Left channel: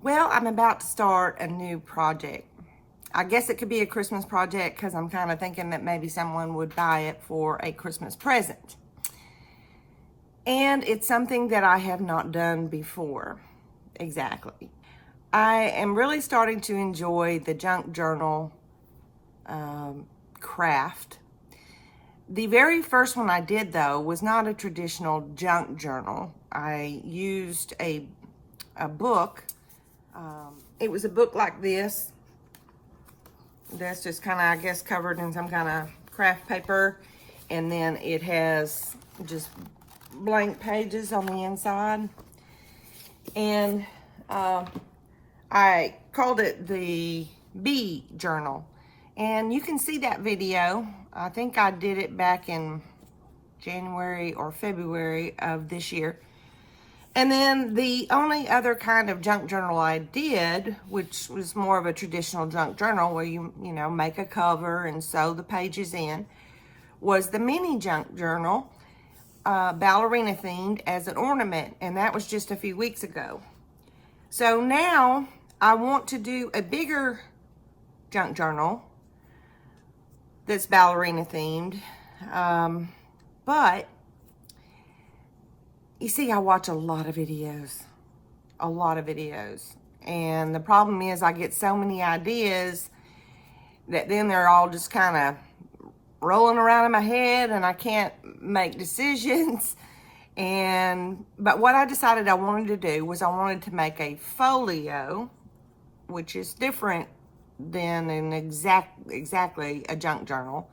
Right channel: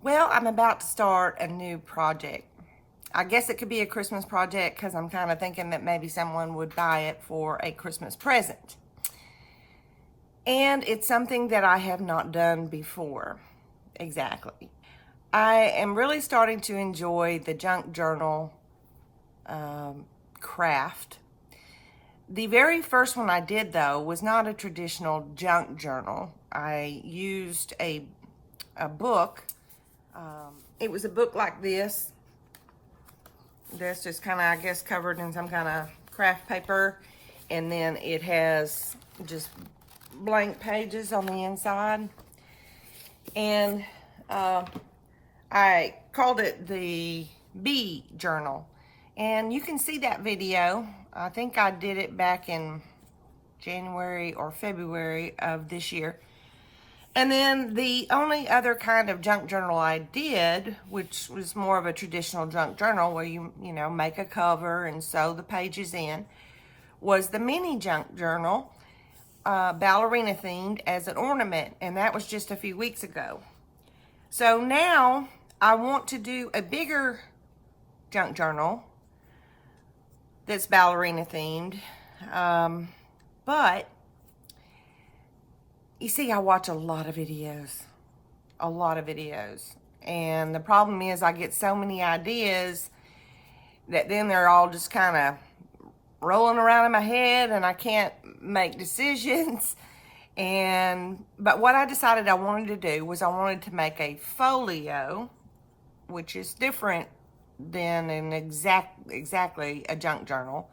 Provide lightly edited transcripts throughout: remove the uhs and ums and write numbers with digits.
Well, I'm about to start a new project. I guess it could be a Christmas project because I'm kind of thinking that maybe someone would buy it for a Christmas present. And it's something that I have not done before. Exactly. I am really starting to enjoy the junk journal craft. The very first one I did, though, was not a traditional junk journal. I used a book. It was a book like this. That's just kind of, I guess, covered in some kind of craft paper. And then it has just blank pages on the inside. And I called it the Bee Journal. And you can see that video. I think I did it back in January or February of this year. And then the only other kind of junk journal I did, which was more of a traditional junk journal where you make a cover and sew the pages in, was the mini junk journal, ballerina themed, as an ornament. And that was just a few weeks ago. So now I want to do a bigger junk journal that's ballerina themed. But you see, I watch a lot of videos. And the problem is I get so many ideas that then they're all just kind of rolling around in my head and I can't make decisions. But what I decided I wanted to do was I wanted to make a folio, which is different than exactly a junk journal.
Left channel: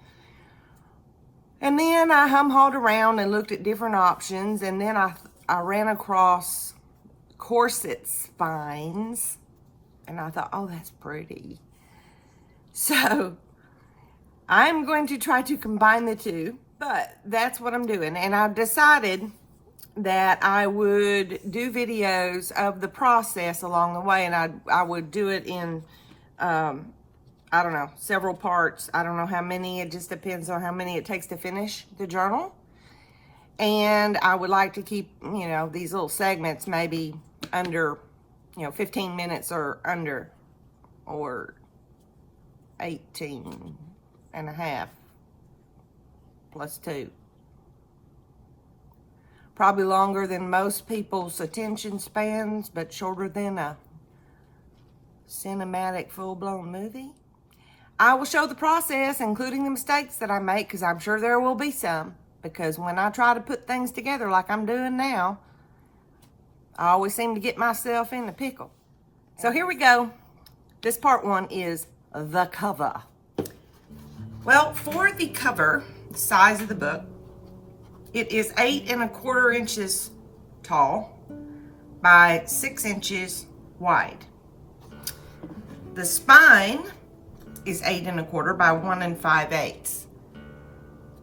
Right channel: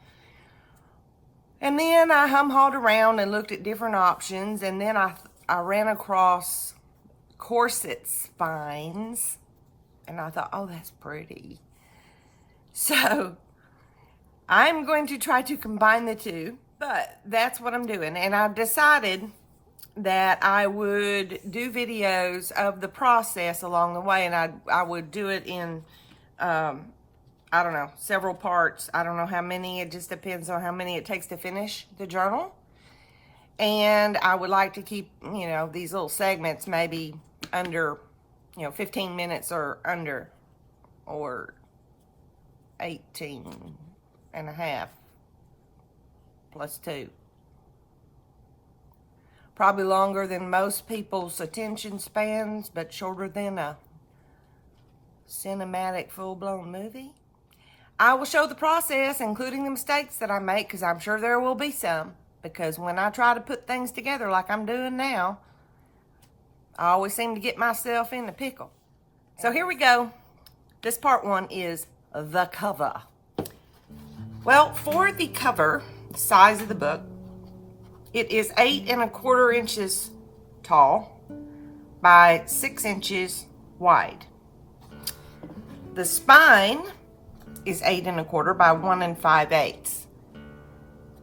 And then I hum-hawed around and looked at different options, and then I ran across corset spines, and I thought, oh, that's pretty. So I'm going to try to combine the two, but that's what I'm doing. And I've decided that I would do videos of the process along the way, and I would do it in I don't know, several parts. I don't know how many. It just depends on how many it takes to finish the journal. And I would like to keep, these little segments maybe under, 15 minutes or under, or 18 and a half plus 2. Probably longer than most people's attention spans, but shorter than a cinematic full-blown movie. I will show the process, including the mistakes that I make, because I'm sure there will be some. Because when I try to put things together like I'm doing now, I always seem to get myself in a pickle. So here we go. This part 1 is the cover. Well, for the cover, the size of the book, it is 8 1/4 inches tall by 6 inches wide. The spine is 8 1/4 by 1 5/8.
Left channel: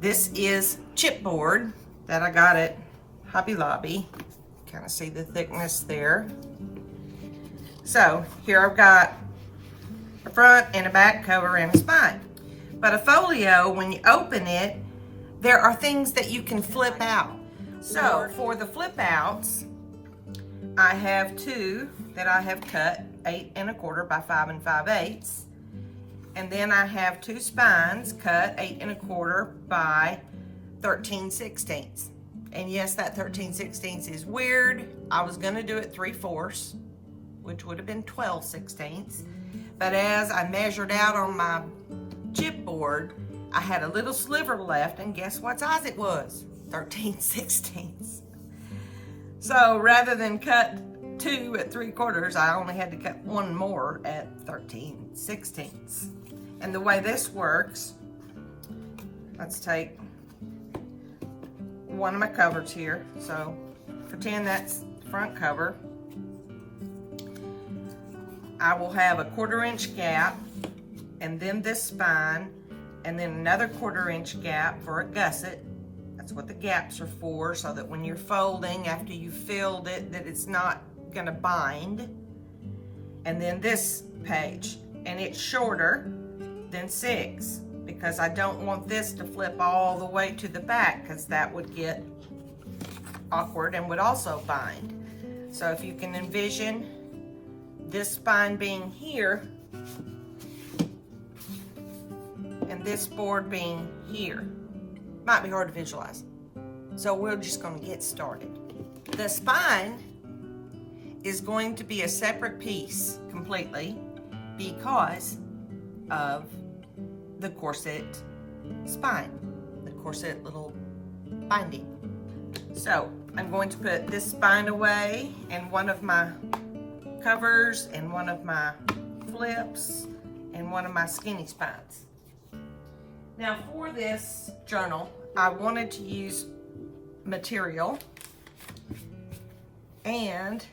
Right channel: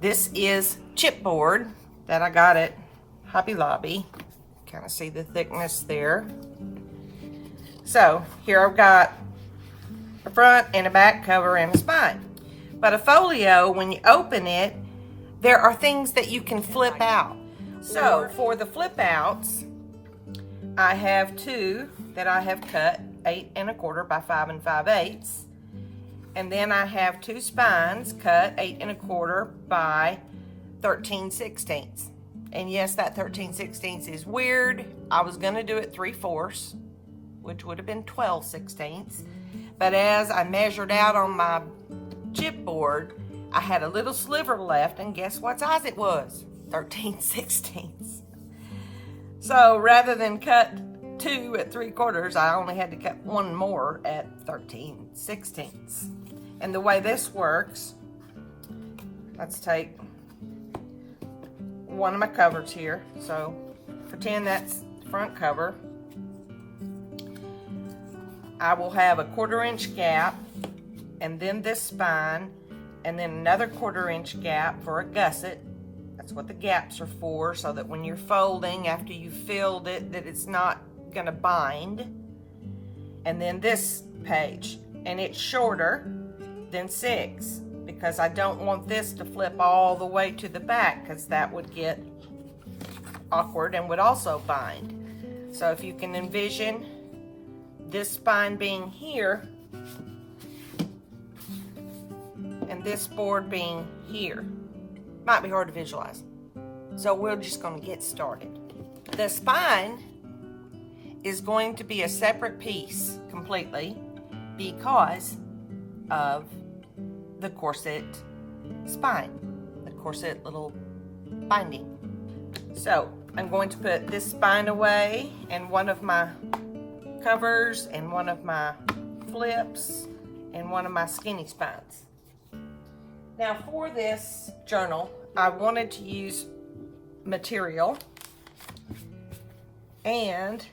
This is chipboard that I got at Hobby Lobby. Kind of see the thickness there. So here I've got a front and a back cover and a spine. But a folio, when you open it, there are things that you can flip out. So for the flip outs, I have 2 that I have cut 8 1/4 by 5 5/8. And then I have 2 spines cut 8 1/4 by 13/16. And yes, that 13/16 is weird. I was gonna do it 3/4, which would have been 12/16. But as I measured out on my chipboard, I had a little sliver left, and guess what size it was? 13/16. So rather than cut 2 at 3/4, I only had to cut 1 more at 13/16. And the way this works, let's take one of my covers here. So pretend that's the front cover. I will have a 1/4 inch gap, and then this spine, and then another 1/4 inch gap for a gusset. That's what the gaps are for, so that when you're folding after you filled it, that it's not gonna bind. And then this page, and it's shorter than 6 because I don't want this to flip all the way to the back, because that would get awkward and would also bind. So if you can envision this spine being here and this board being here. Might be hard to visualize. So we're just going to get started. The spine is going to be a separate piece completely because of the corset spine, the corset little binding. So I'm going to put this spine away and one of my covers and one of my flips and one of my skinny spines. Now for this journal, I wanted to use material, and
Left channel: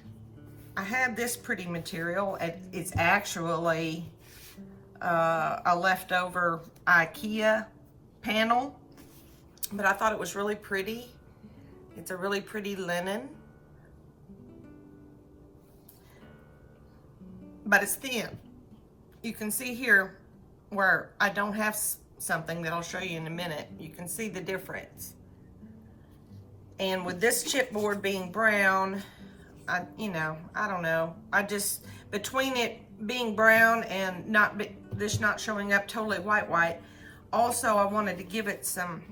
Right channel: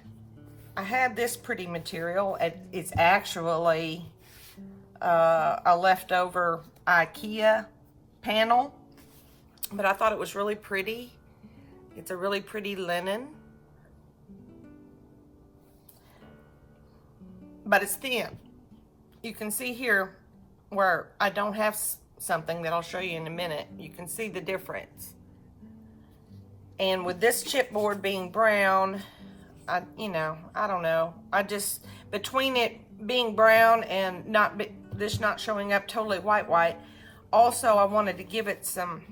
I had this pretty material. It's actually a leftover IKEA panel, but I thought it was really pretty. It's a really pretty linen, but it's thin. You can see here where I don't have something that I'll show you in a minute. You can see the difference. And with this chipboard being brown, I don't know. I just, between it being brown and this not showing up totally white, also I wanted to give it some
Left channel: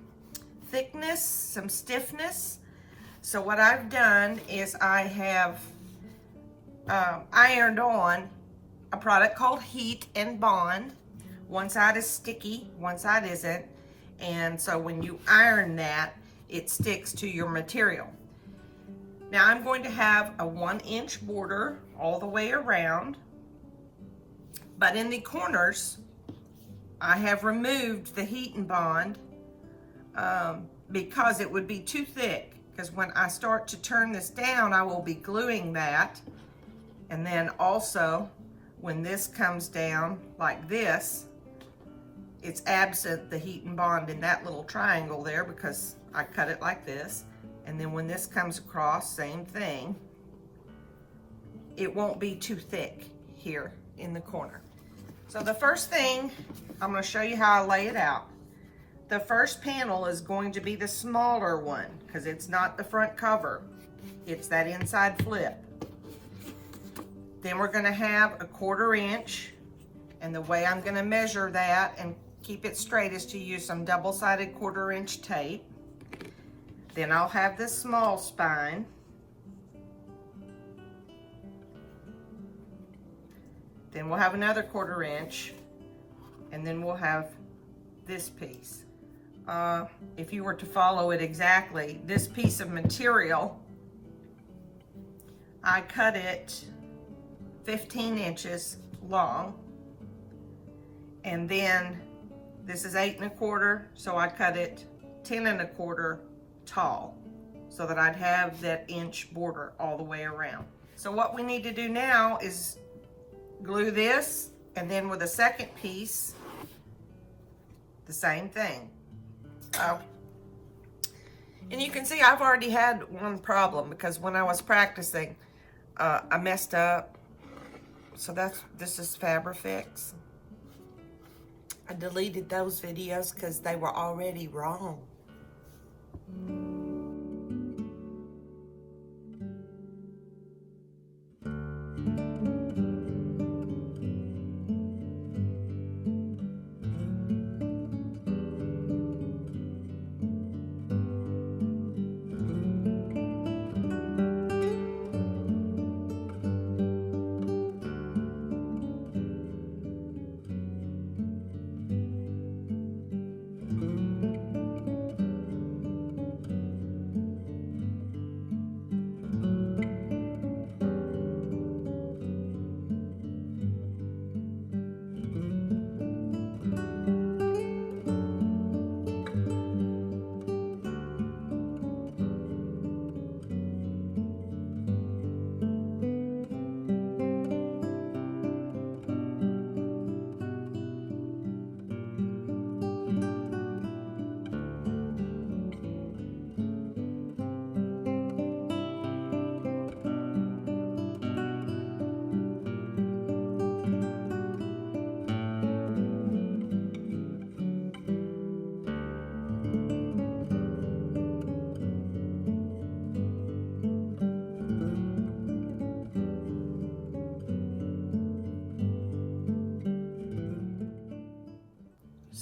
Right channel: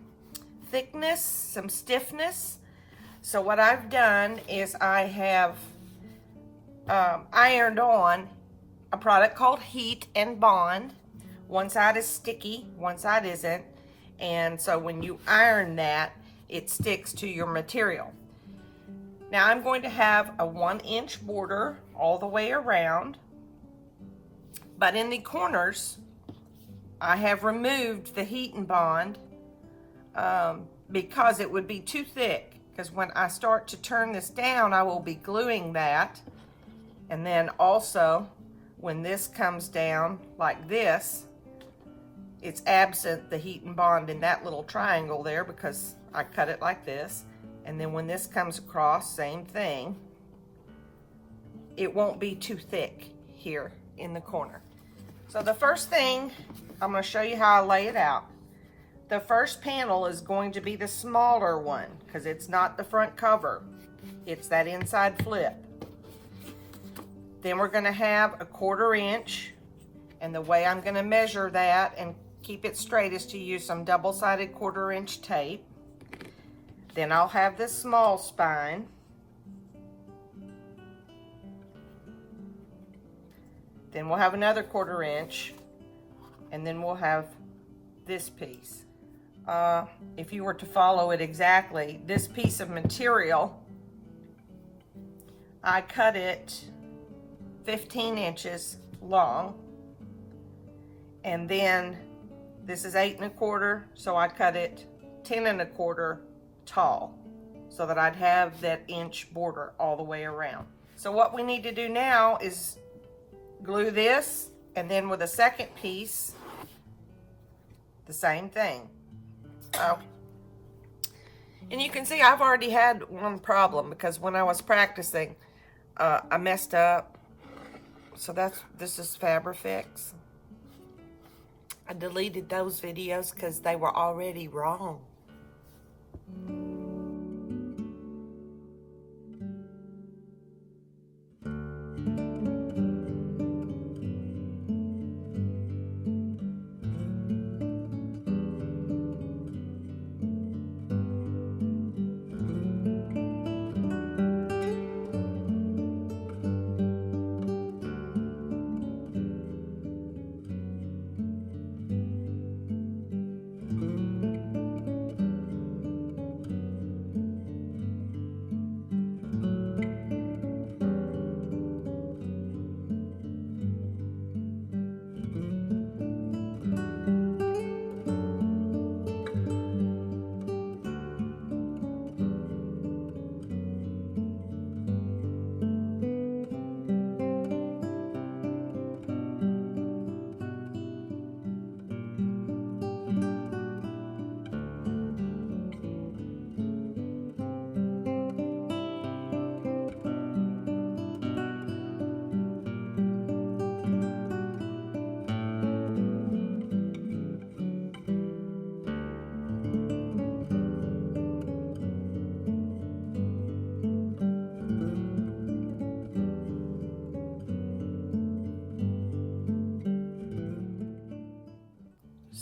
thickness, some stiffness. So what I've done is I have ironed on a product called Heat and Bond. One side is sticky, one side isn't. And so when you iron that, it sticks to your material. Now I'm going to have a 1-inch border all the way around, but in the corners, I have removed the Heat and Bond because it would be too thick. Because when I start to turn this down, I will be gluing that. And then also, when this comes down like this, it's absent the Heat and Bond in that little triangle there because I cut it like this. And then when this comes across, same thing. It won't be too thick here in the corner. So the first thing, I'm going to show you how I lay it out. The first panel is going to be the smaller one because it's not the front cover. It's that inside flip. Then we're going to have a 1/4 inch, and the way I'm going to measure that and keep it straight is to use some double-sided 1/4 inch tape. Then I'll have this small spine. Then we'll have another 1/4 inch, and then we'll have this piece. If you were to follow it exactly, this piece of material, I cut it 15 inches long, and then this is 8 1/4, so I cut it 10 1/4 tall, so that I'd have that inch border all the way around. So what we need to do now is glue this, and then with a second piece, the same thing. And you can see I've already had one problem because when I was practicing, I messed up. So this is Fabrifix. I deleted those videos because they were already wrong.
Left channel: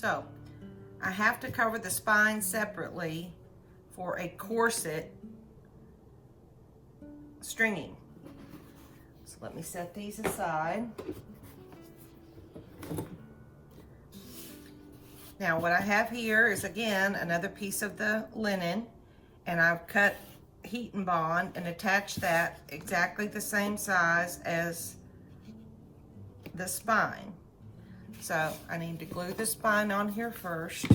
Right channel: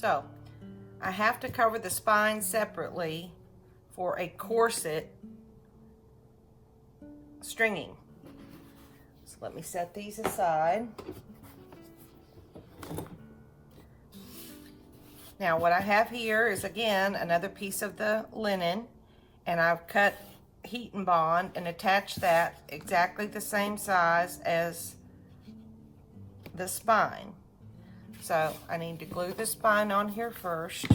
So I have to cover the spine separately for a corset stringing. So let me set these aside. Now what I have here is, again, another piece of the linen, and I've cut heat and bond and attached that exactly the same size as the spine. So I need to glue the spine on here first.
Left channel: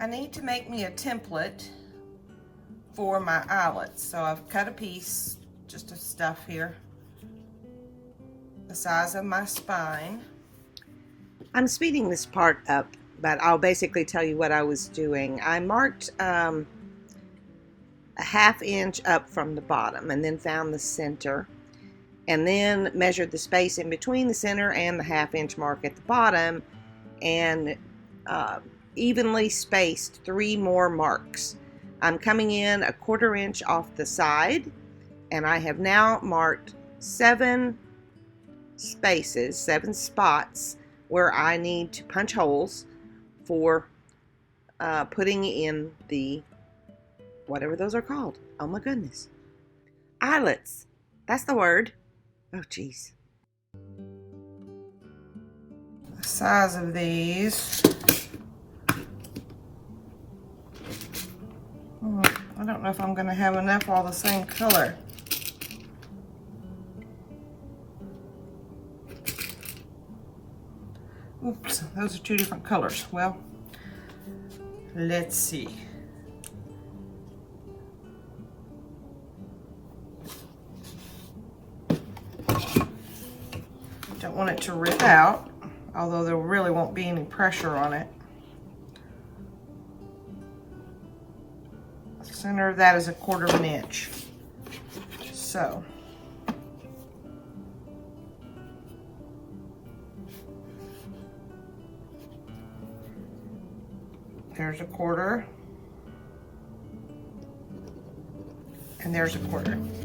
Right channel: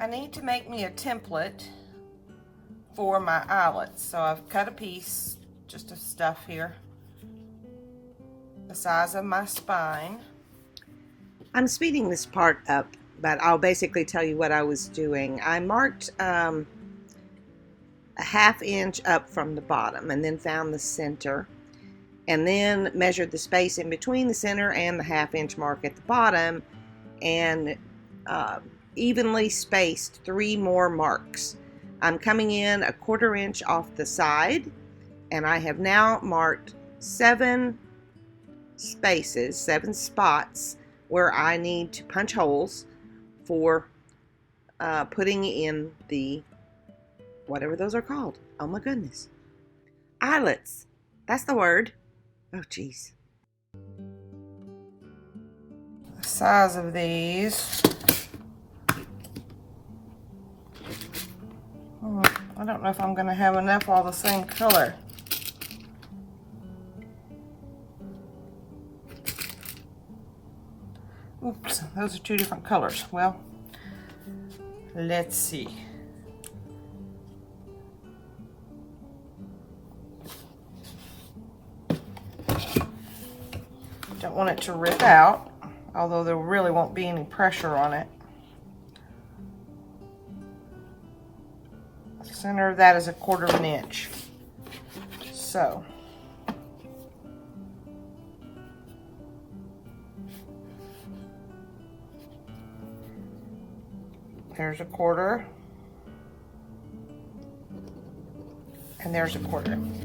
I need to make me a template for my eyelets. So I've cut a piece just of stuff here, the size of my spine. I'm speeding this part up, but I'll basically tell you what I was doing. I marked a ½ inch up from the bottom and then found the center, and then measured the space in between the center and the ½ inch mark at the bottom, and evenly spaced 3 more marks. I'm coming in a ½ inch off the side, and I have now marked 7 spaces, 7 spots where I need to punch holes for putting in the, whatever those are called. Oh my goodness. Eyelets. That's the word. Oh geez. The size of these. I don't know if I'm going to have enough all the same color. Oops, those are 2 different colors. Well, let's see. Don't want it to rip out, although there really won't be any pressure on it. Center of that is a ½ inch. So there's a 1/4, and there's a 1/4.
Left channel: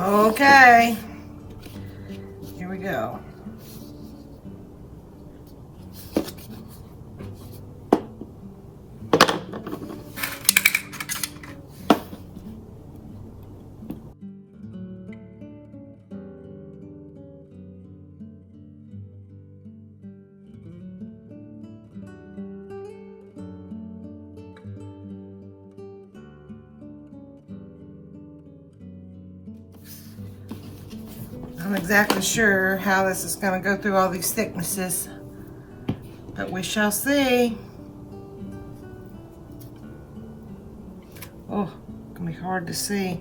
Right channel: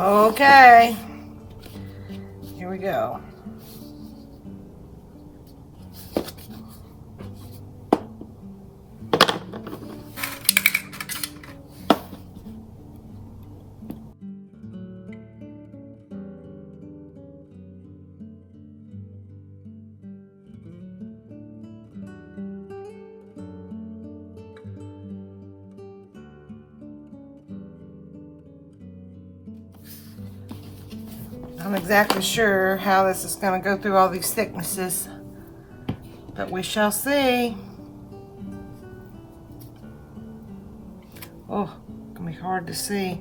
Okay, here we go. I'm not exactly sure how this is going to go through all these thicknesses, but we shall see. Oh, it's going to be hard to see.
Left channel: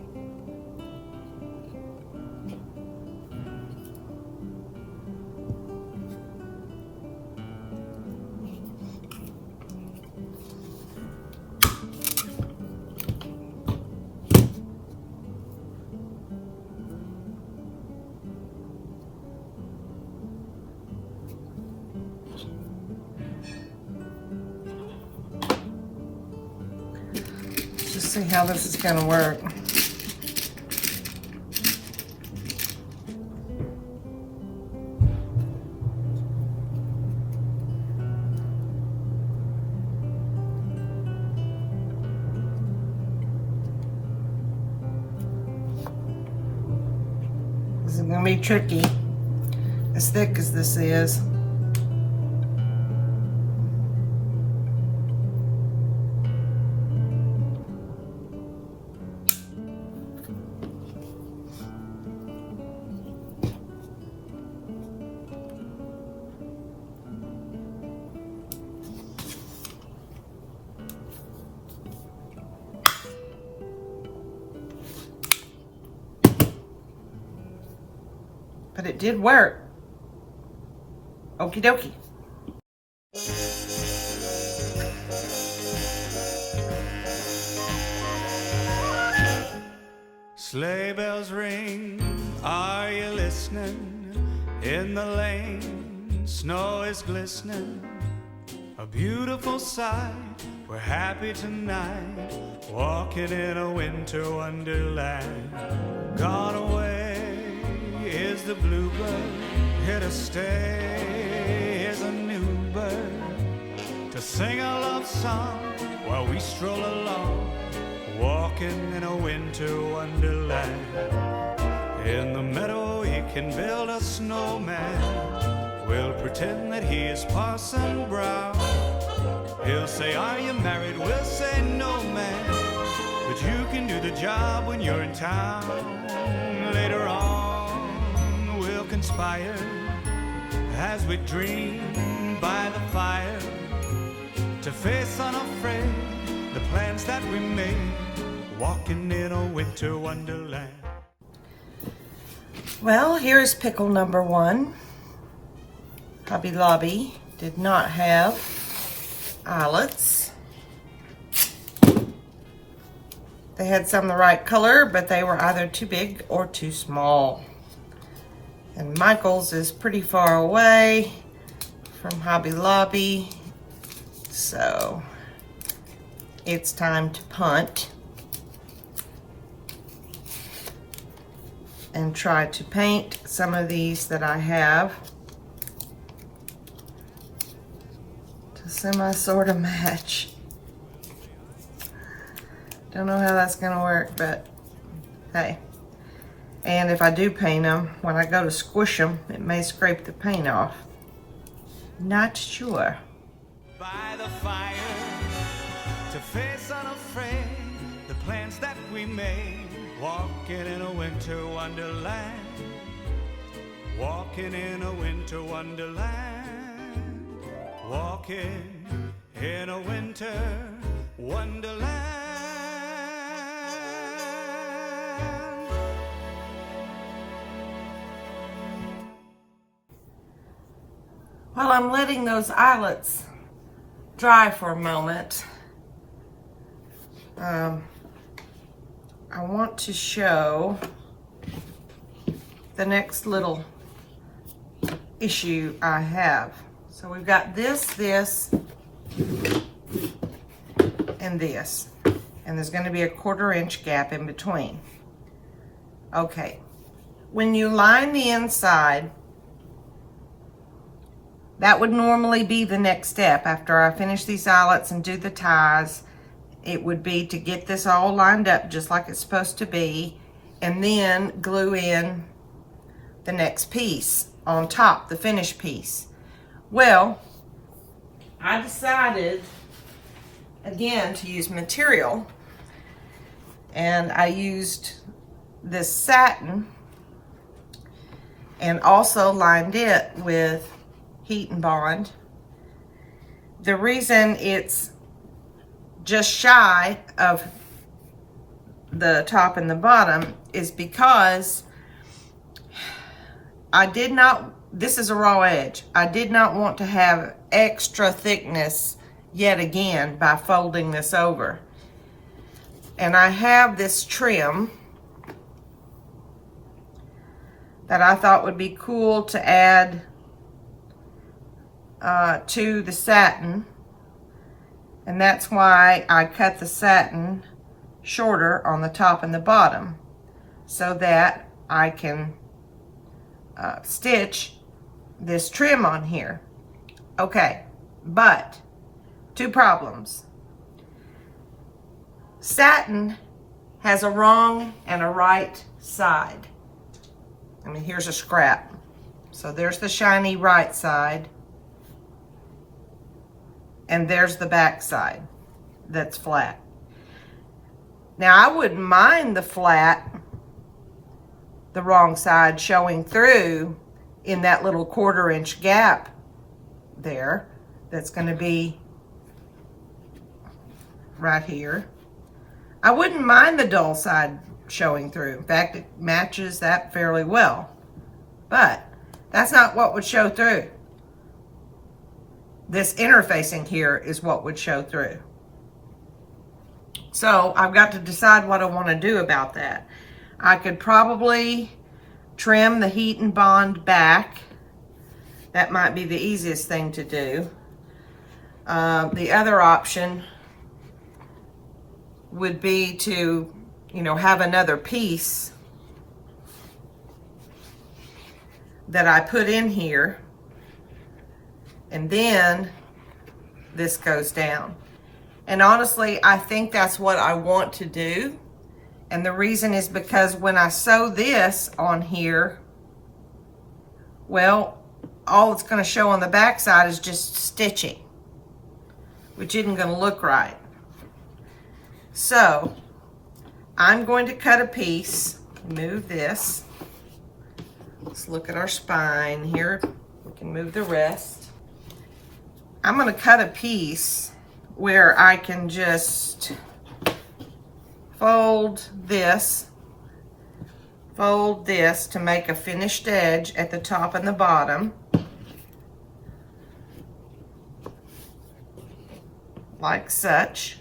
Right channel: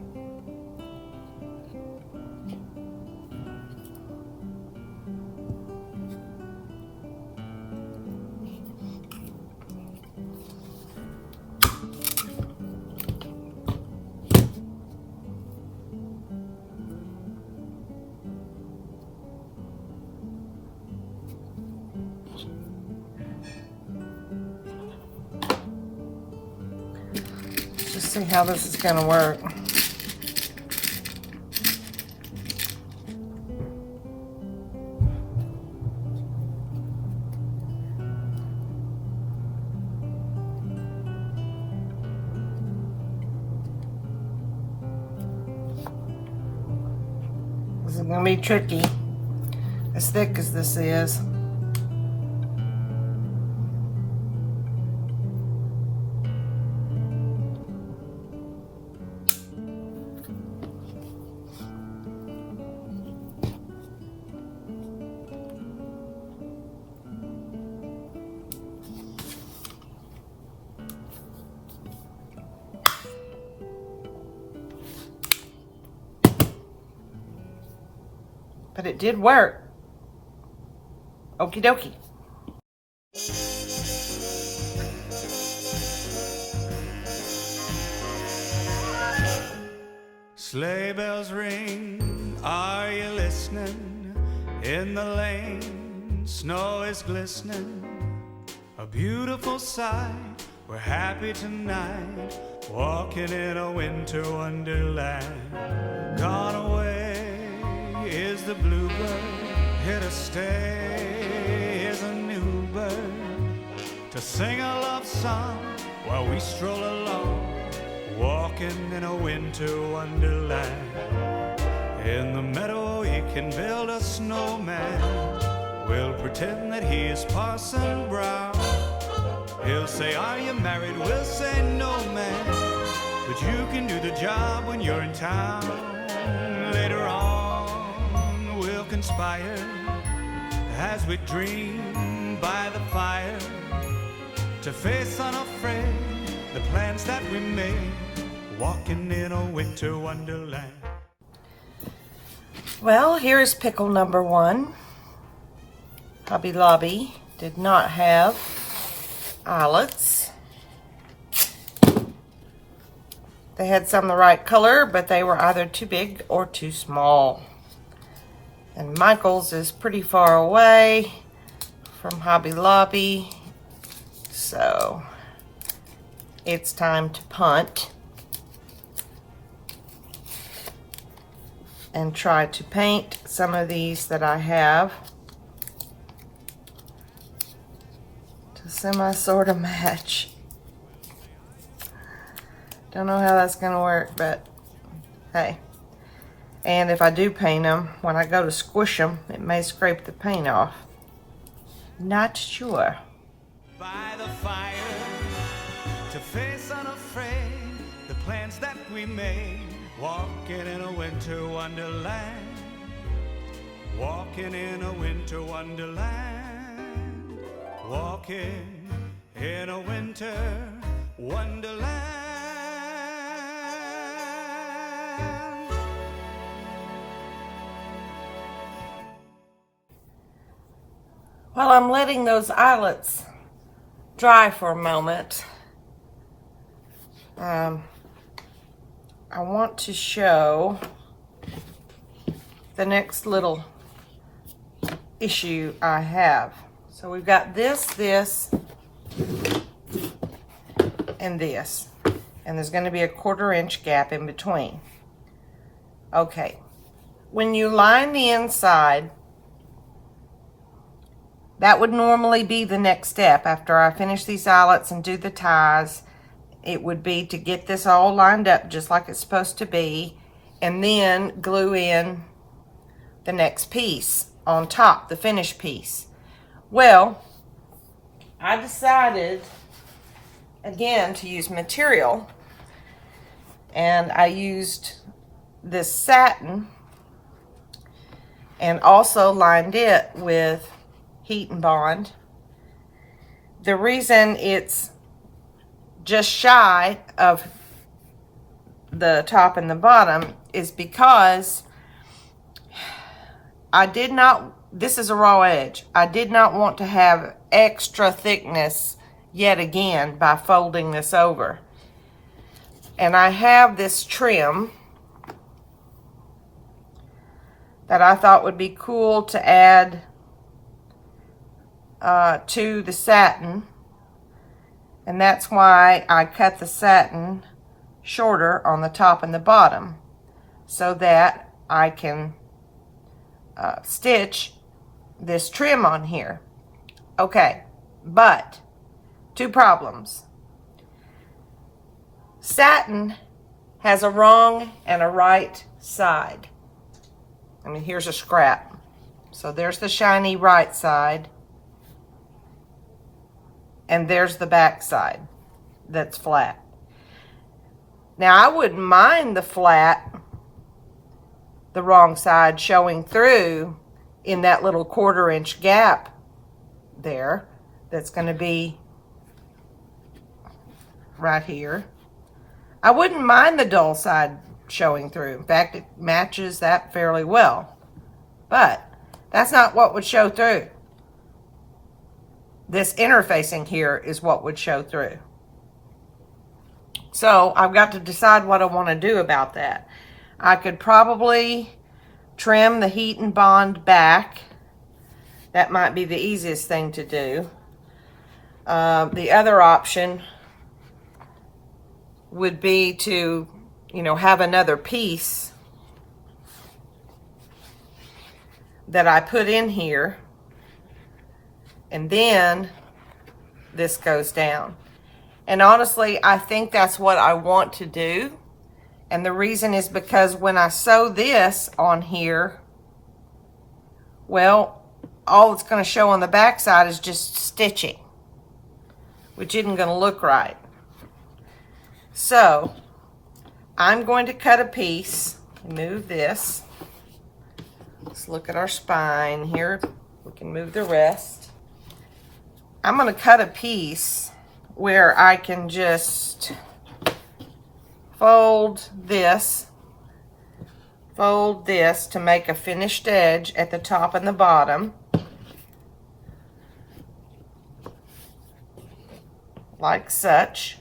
Let's see how this is going to work. This is going to be tricky, as thick as this is. But it did work. Okie dokie. Sleigh bells ring, are you listening? In the lane, snow is glistening. A beautiful sight, we're happy tonight, walking in a winter wonderland. Gone away is the bluebird, here to stay is a new bird, to sing a love song while we stroll along, walking in a winter wonderland. In the meadow he can build a snowman, we'll pretend that he is Parson Brown. He'll say, are you married? We'll say, no man, but you can do the job when you're in town. Later on we'll conspire as we dream by the fire, to face unafraid the plans that we made, walking in a winter wonderland. Well, here's pickle number one. Hobby Lobby did not have eyelets. They had some the right color, but they were either too big or too small. And Michael's is pretty far away from Hobby Lobby, so it's time to punt and try to paint some of these that I have to semi-sort of match. Don't know how that's gonna work, but hey. And if I do paint them, when I go to squish them, it may scrape the paint off. Not sure. By the fire, to face unafraid the plans that we made, walking in a winter wonderland, walking in a winter wonderland, walking in a winter wonderland. While I'm letting those eyelets dry for a moment, I want to show the next little issue I have. So we've got this, and this. And there's going to be a 1/4 inch gap in between. Okay. When you line the inside, that would normally be the next step after I finish these eyelets and do the ties. It would be to get this all lined up just like it's supposed to be, and then glue in the next piece on top, the finished piece. Well, I decided again to use material, and I used this satin, and also lined it with Heat and Bond. The reason it's just shy of the top and the bottom is because this is a raw edge. I did not want to have extra thickness yet again by folding this over. And I have this trim that I thought would be cool to add to the satin, and that's why I cut the satin shorter on the top and the bottom so that I can stitch this trim on here. Okay, but 2 problems. Satin has a wrong and a right side. I mean, here's a scrap. So there's the shiny right side, and there's the back side that's flat. Now, I wouldn't mind the wrong side showing through in that little 1/4 inch gap there that's going to be right here. I wouldn't mind the dull side showing through. In fact, it matches that fairly well. But that's not what would show through. This interfacing here is what would show through. So I've got to decide what I want to do about that. I could probably trim the Heat and Bond back. That might be the easiest thing to do. The other option would be to, have another piece that I put in here, and then this goes down. And honestly, I think that's what I want to do. And the reason is because when I sew this on here, well, all it's going to show on the back side is just stitching, which isn't going to look right. So I'm going to cut a piece, move this. Let's look at our spine here. We can move the rest. I'm going to cut a piece where I can just fold this to make a finished edge at the top and the bottom, like such.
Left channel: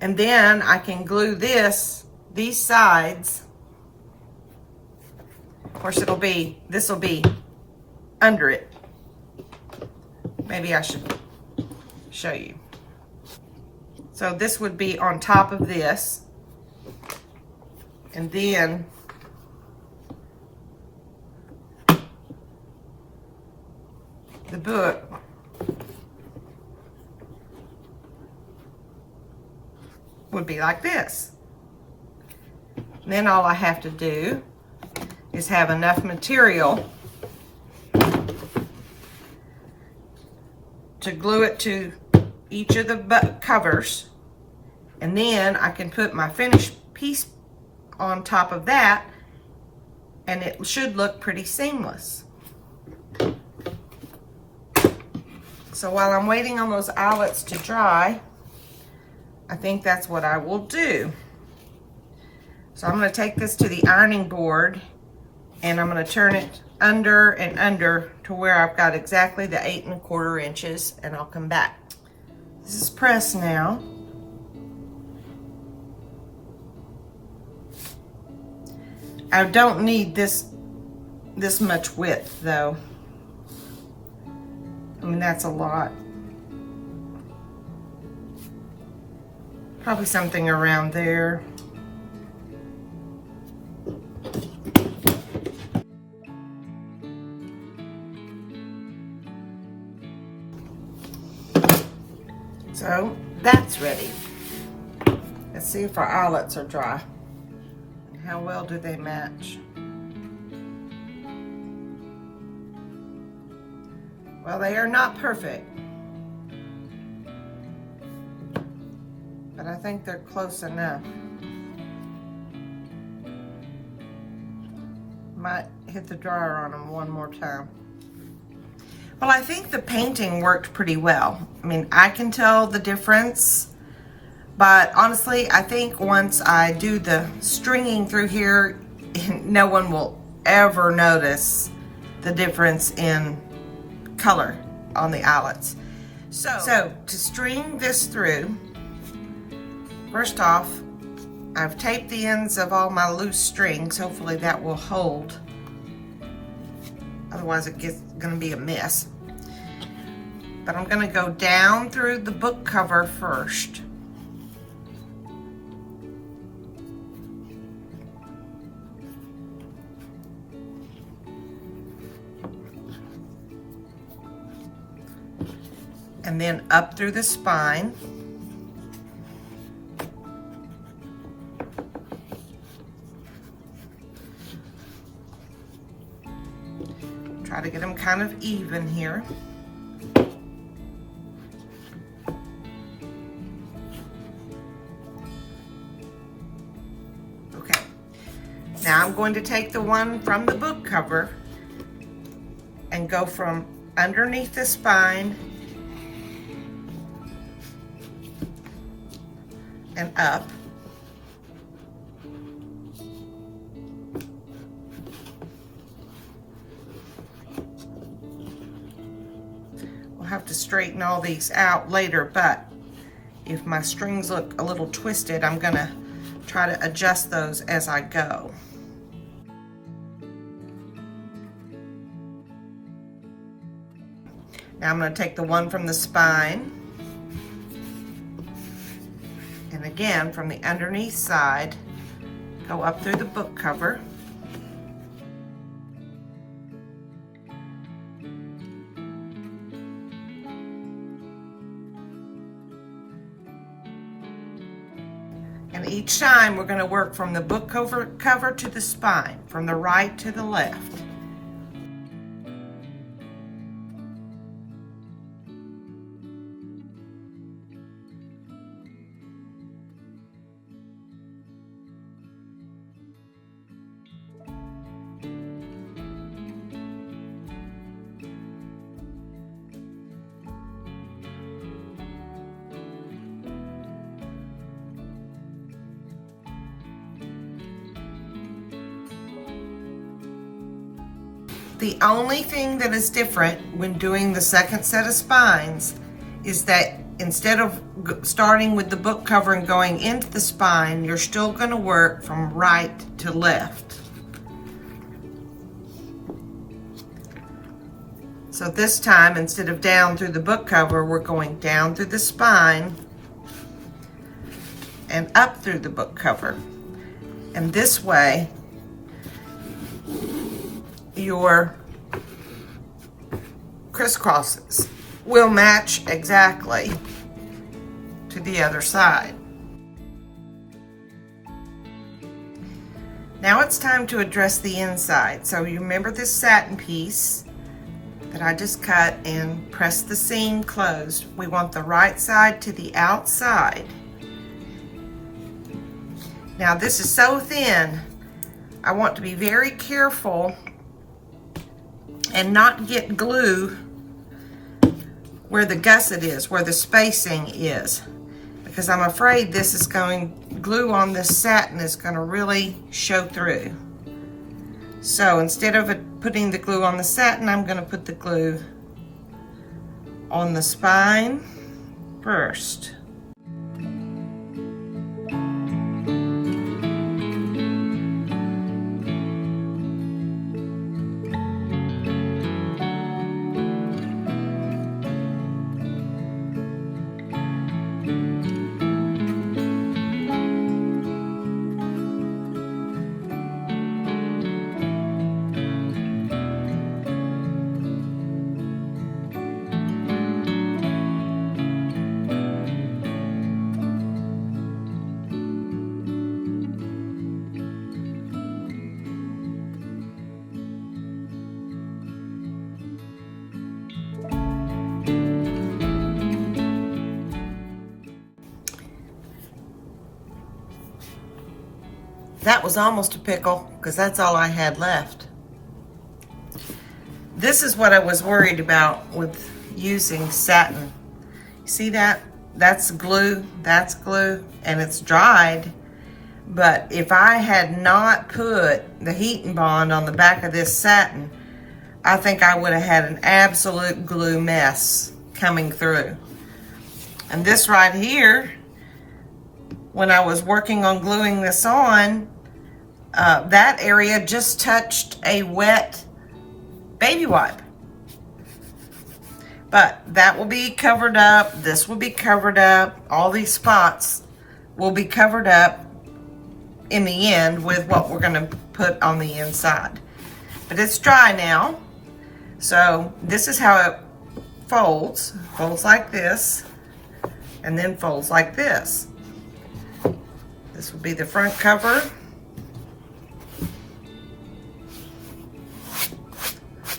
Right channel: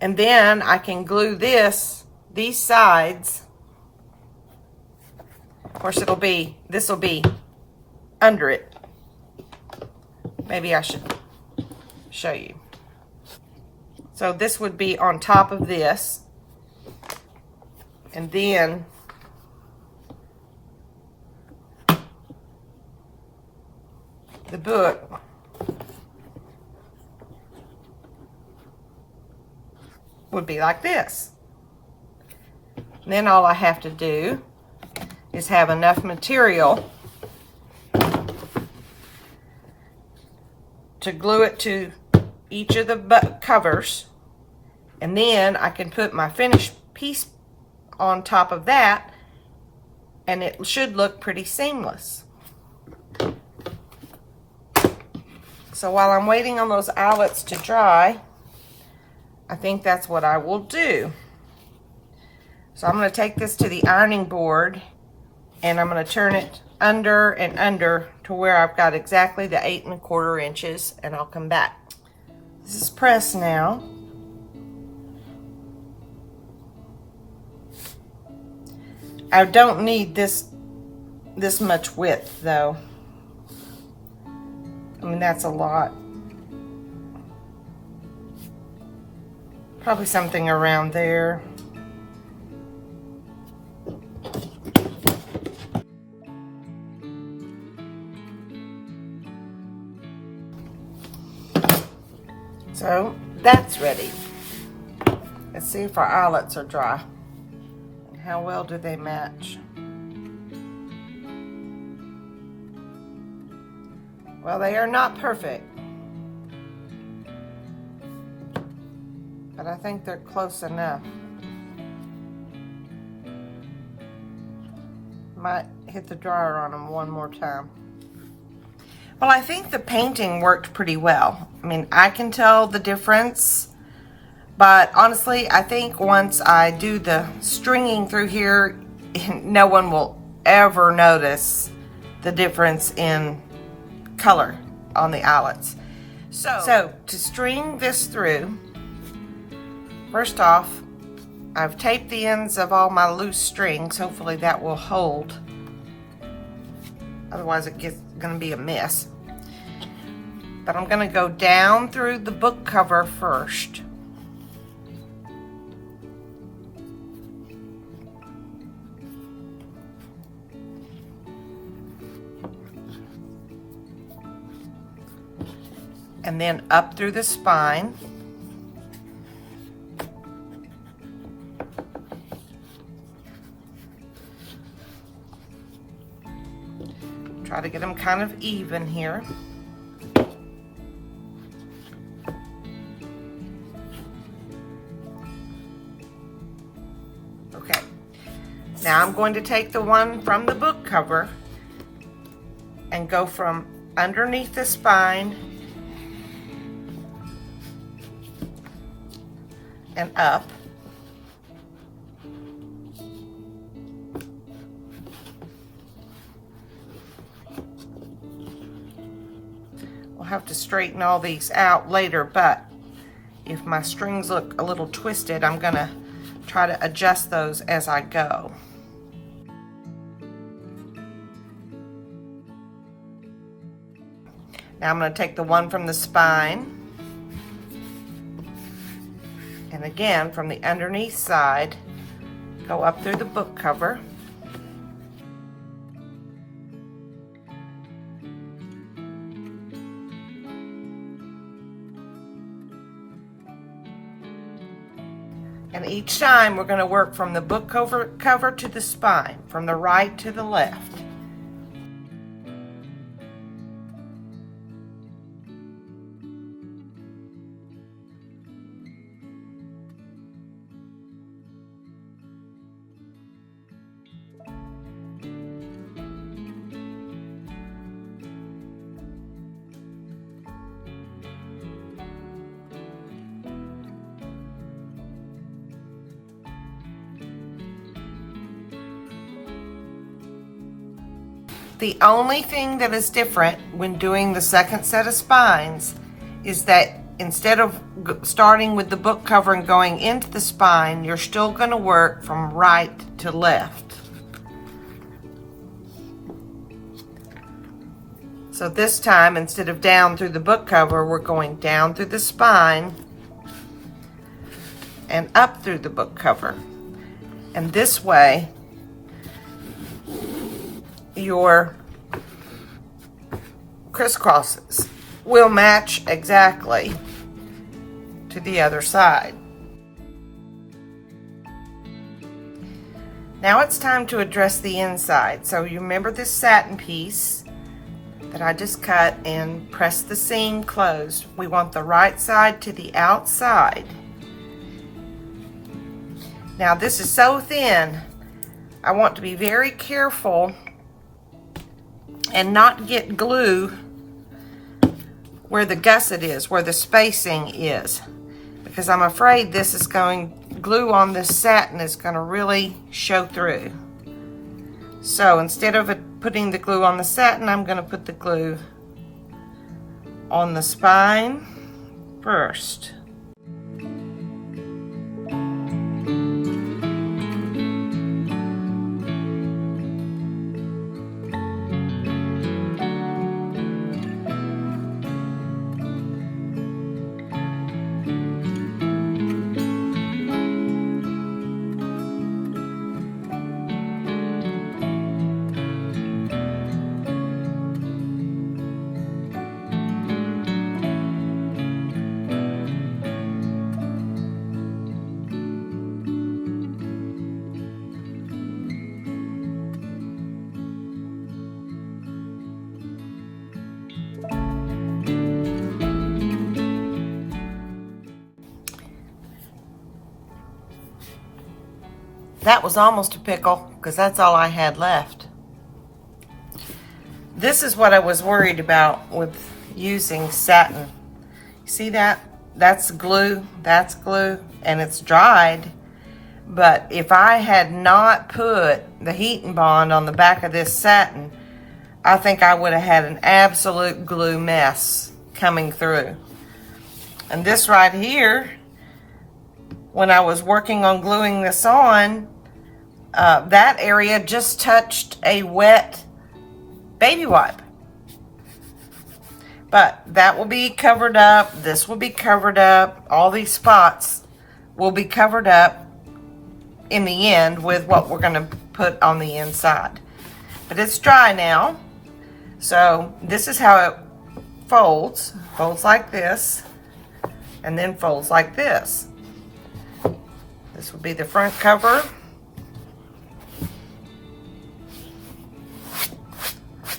And then I can glue these sides. Of course, this will be under it. Maybe I should show you. So this would be on top of this, and then the book would be like this. And then all I have to do is have enough material to glue it to each of the covers, and then I can put my finished piece on top of that, and it should look pretty seamless. So while I'm waiting on those eyelets to dry, I think that's what I will do. So I'm going to take this to the ironing board, and I'm going to turn it under and under to where I've got exactly the 8 1/4 inches, and I'll come back. This is pressed now. I don't need this much width though. I mean, that's a lot. Probably something around there. So that's ready. Let's see if our eyelets are dry. How well do they match? Well, they are not perfect, but I think they're close enough. Might hit the dryer on them one more time. Well, I think the painting worked pretty well. I mean, I can tell the difference, but honestly, I think once I do the stringing through here, no one will ever notice the difference in color on the eyelets. So to string this through, first off, I've taped the ends of all my loose strings. Hopefully that will hold. Otherwise it gets gonna be a mess. But I'm gonna go down through the book cover first. And then up through the spine. Try to get them kind of even here. Okay. Now I'm going to take the one from the book cover and go from underneath the spine and up. We'll have to straighten all these out later, but if my strings look a little twisted, I'm gonna try to adjust those as I go. Now I'm gonna take the one from the spine, and again, from the underneath side, go up through the book cover. And each time we're going to work from the book cover to the spine, from the right to the left. The only thing that is different when doing the second set of spines is that instead of starting with the book cover and going into the spine, you're still going to work from right to left. So this time, instead of down through the book cover, we're going down through the spine and up through the book cover. And this way, your crisscrosses will match exactly to the other side. Now it's time to address the inside. So you remember this satin piece that I just cut and pressed the seam closed. We want the right side to the outside. Now this is so thin, I want to be very careful and not get glue where the gusset is, where the spacing is, because I'm afraid this is glue on this satin is going to really show through. So instead of putting the glue on the satin, I'm going to put the glue on the spine first. That was almost a pickle, because that's all I had left. This is what I was worried about with using satin. See that? That's glue, and it's dried. But if I had not put the heat and bond on the back of this satin, I think I would have had an absolute glue mess coming through. And this right here, when I was working on gluing this on, that area just touched a wet baby wipe. But that will be covered up. This will be covered up. All these spots will be covered up in the end with what we're going to put on the inside. But it's dry now. So this is how it folds. Folds like this, and then folds like this. This will be the front cover.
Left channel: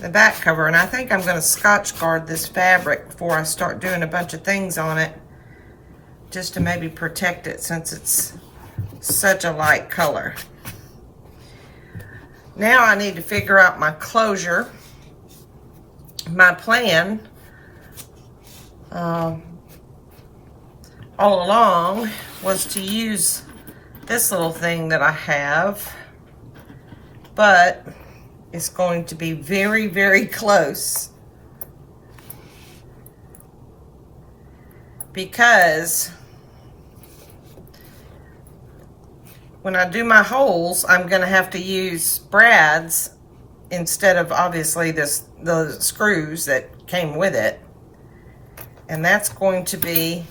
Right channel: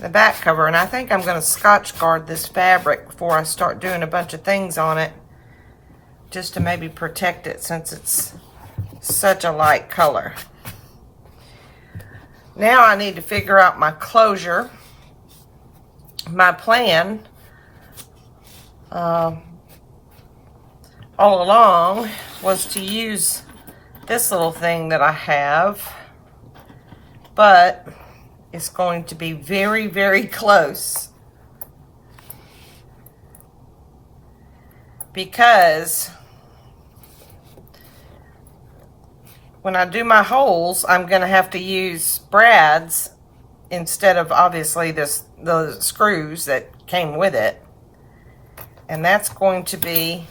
The back cover, and I think I'm going to Scotch guard this fabric before I start doing a bunch of things on it, just to maybe protect it since it's such a light color. Now I need to figure out my closure. My plan all along was to use this little thing that I have, but it's going to be very, very close, because when I do my holes, I'm going to have to use brads instead of obviously the screws that came with it. And that's going to be,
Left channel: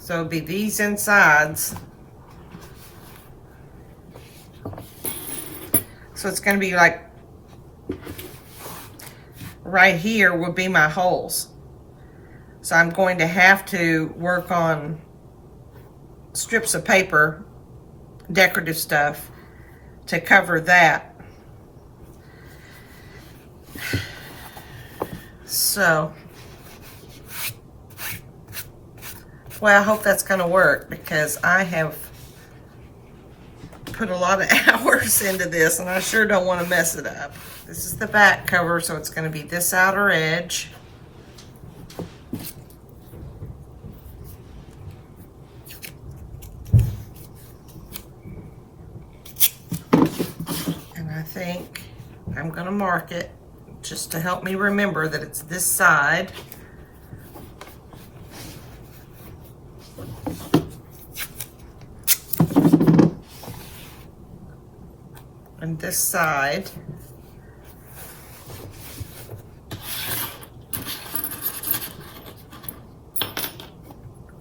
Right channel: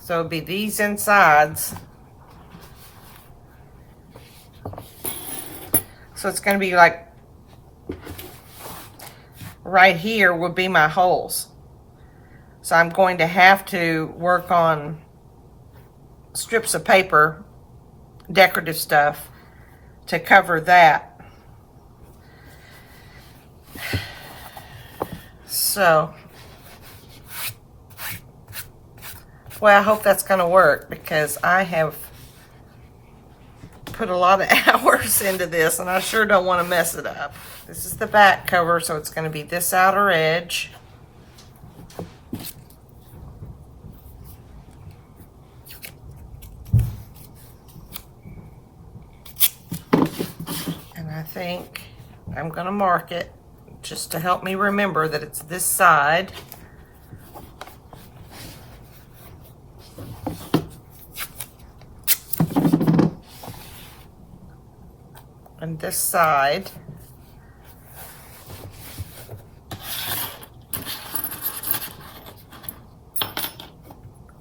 so it'll be these insides. So it's going to be like right here would be my holes. So I'm going to have to work on strips of paper, decorative stuff, to cover that. So, well, I hope that's going to work, because I have put a lot of hours into this, and I sure don't want to mess it up. This is the back cover, so it's going to be this outer edge. And I think I'm going to mark it just to help me remember that it's this side. And this side.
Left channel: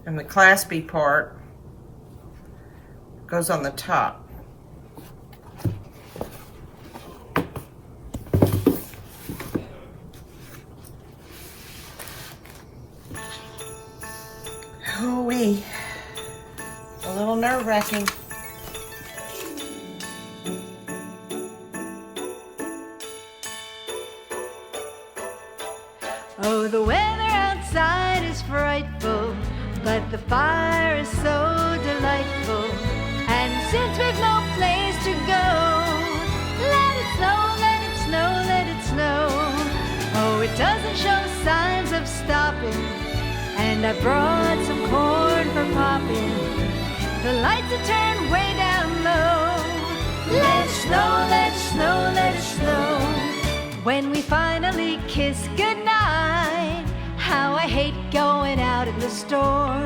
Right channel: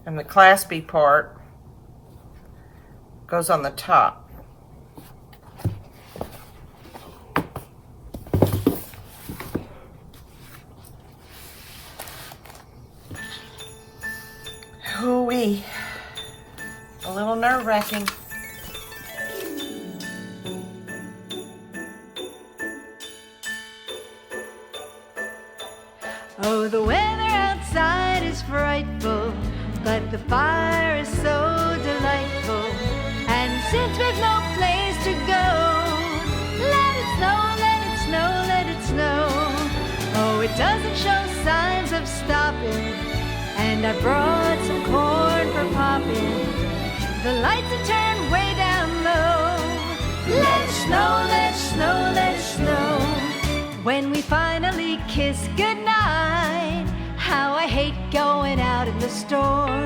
And the claspy part goes on the top. Hoo-wee. A little nerve-wracking. Oh, the weather outside is frightful, but the fire is so delightful. And since we've no place to go, let it snow, let it snow, let it snow. Oh, it doesn't show signs of stopping, and I brought some corn for popping. The lights are turned way down low. Let it snow, let it snow, let it snow. When we finally kiss goodnight, how I hate going out in the storm.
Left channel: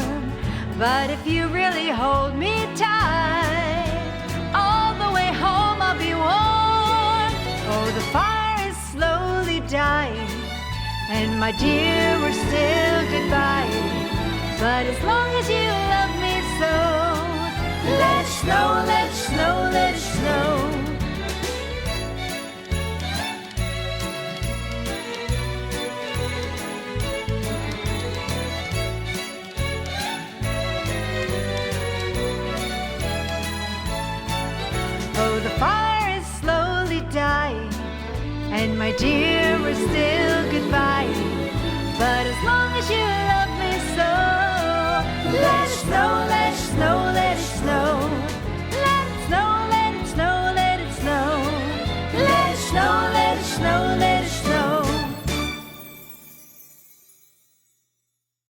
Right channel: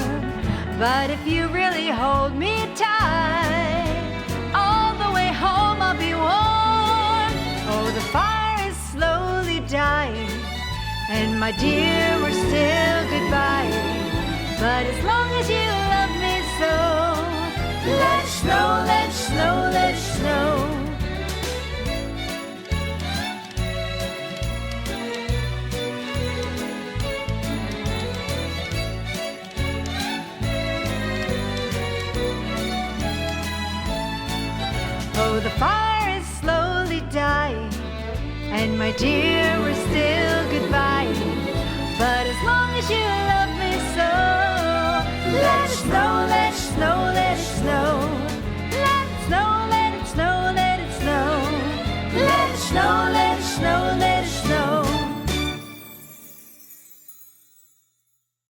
But if you really hold me tight, all the way home I'll be warm. Oh, the fire is slowly dying, and my dear, we're still goodbye. But as long as you love me so, let it snow, let it snow, let it snow. Oh, the fire is slowly dying, and my dear, we're still goodbye. But as long as you love me so, let it snow, let it snow,